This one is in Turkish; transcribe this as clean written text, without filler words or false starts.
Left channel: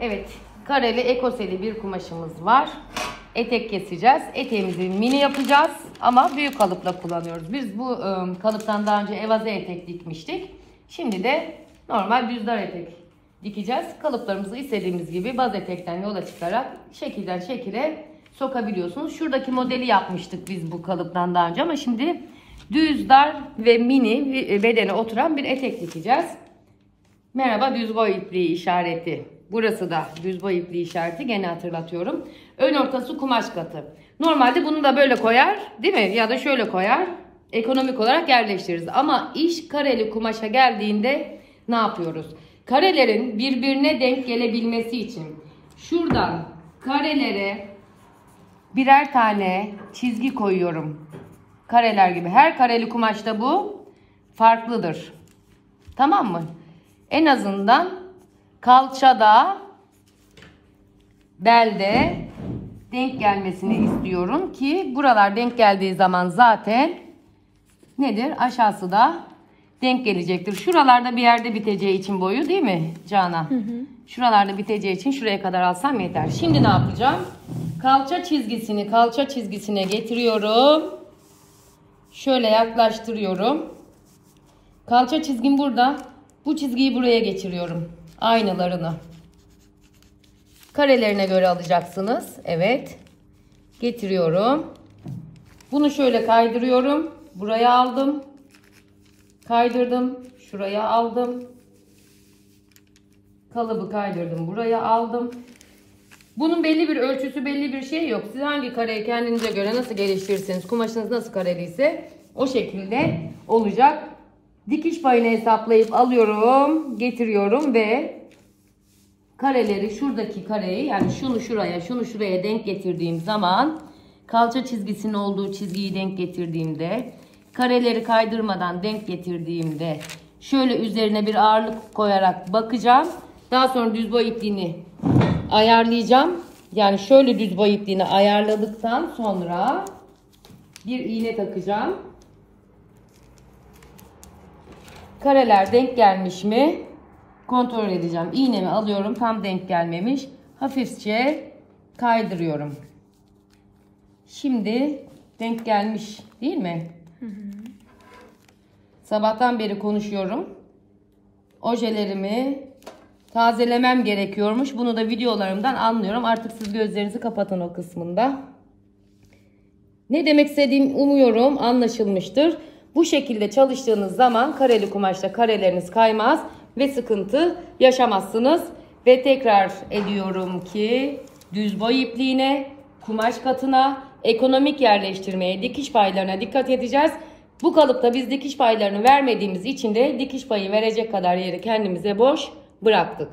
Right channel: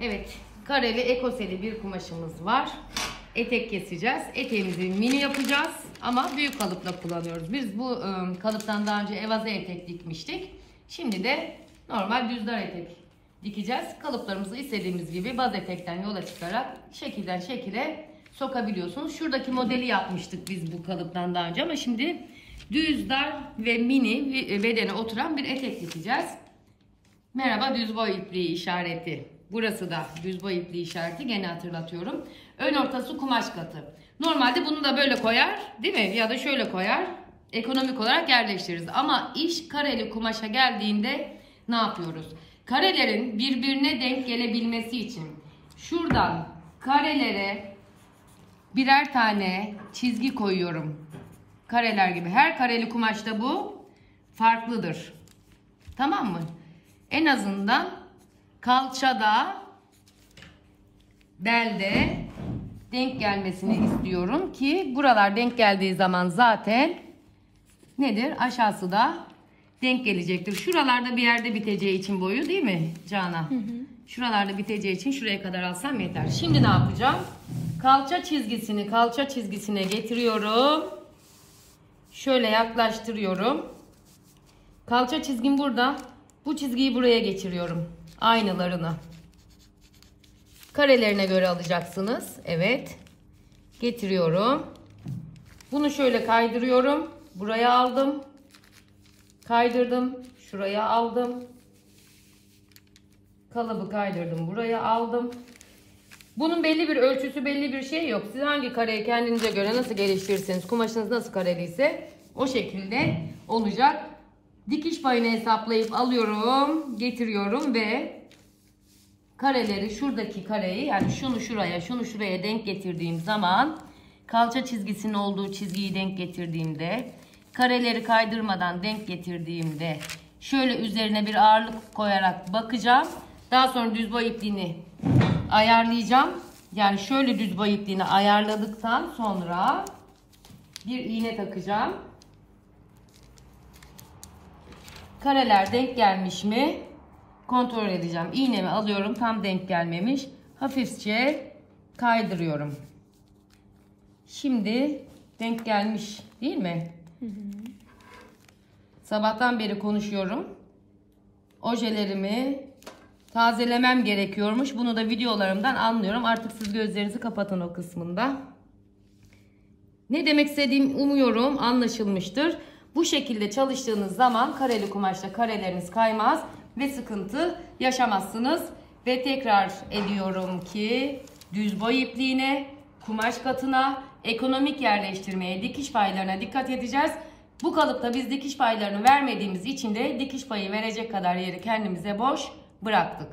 Evet, kareli ekoseli bir kumaşımız var. Etek keseceğiz. Eteğimizi mini yapacağız ama büyük kalıpla kullanıyoruz. Biz bu kalıptan daha önce evaze etek dikmiştik. Şimdi de normal düz dar etek dikeceğiz. Kalıplarımızı istediğimiz gibi baz etekten yola çıkarak şekilden şekile sokabiliyorsunuz. Şuradaki modeli yapmıştık biz bu kalıptan daha önce ama şimdi düz dar ve mini bedene oturan bir etek dikeceğiz. Merhaba düz boy ipliği işareti. Burası da düz boy ipliği işareti. Gene hatırlatıyorum. Ön ortası kumaş katı. Normalde bunu da böyle koyar, değil mi? Ya da şöyle koyar. Ekonomik olarak yerleştiririz. Ama iş kareli kumaşa geldiğinde ne yapıyoruz? Karelerin birbirine denk gelebilmesi için şuradan karelere birer tane çizgi koyuyorum. Kareler gibi. Her kareli kumaşta bu farklıdır. Tamam mı? En azından kalçada, belde denk gelmesini istiyorum ki buralar denk geldiği zaman zaten nedir? Aşağısı da denk gelecektir. Şuralarda bir yerde biteceği için boyu, değil mi Canan? Hı hı. Şuralarda biteceği için şuraya kadar alsam yeter. Şimdi ne yapacağım? Kalça çizgisine getiriyorum. Şöyle yaklaştırıyorum. Kalça çizgim burada. Bu çizgiyi buraya geçiriyorum. Aynalarını. Karelerine göre alacaksınız. Evet. Getiriyorum. Bunu şöyle kaydırıyorum. Buraya aldım. Kaydırdım. Şuraya aldım. Kalıbı kaydırdım. Buraya aldım. Bunun belli bir ölçüsü, belli bir şey yok. Siz hangi kareyi kendinize göre nasıl geliştirirseniz, kumaşınız nasıl kareliyse o şekilde olacak. Dikiş payını hesaplayıp alıyorum, getiriyorum ve kareleri, şuradaki kareyi, yani şunu şuraya, şunu şuraya denk getirdiğim zaman, kalça çizgisinin olduğu çizgiyi denk getirdiğimde, kareleri kaydırmadan denk getirdiğimde şöyle üzerine bir ağırlık koyarak bakacağım. Daha sonra düz boy ipliğini ayarlayacağım. Yani şöyle düz boy ipliğini ayarladıktan sonra bir iğne takacağım. Kareler denk gelmiş mi kontrol edeceğim. İğnemi alıyorum, tam denk gelmemiş. Hafifçe kaydırıyorum. Şimdi denk gelmiş, değil mi? Hı hı. Sabahtan beri konuşuyorum. Ojelerimi tazelemem gerekiyormuş. Bunu da videolarımdan anlıyorum. Artık siz gözlerinizi kapatın o kısmında. Ne demek istediğim umuyorum anlaşılmıştır. Bu şekilde çalıştığınız zaman kareli kumaşta kareleriniz kaymaz ve sıkıntı yaşamazsınız. Ve tekrar ediyorum ki düz boy ipliğine, kumaş katına, ekonomik yerleştirmeye, dikiş paylarına dikkat edeceğiz. Bu kalıpta biz dikiş paylarını vermediğimiz için de dikiş payı verecek kadar yeri kendimize boş bıraktık.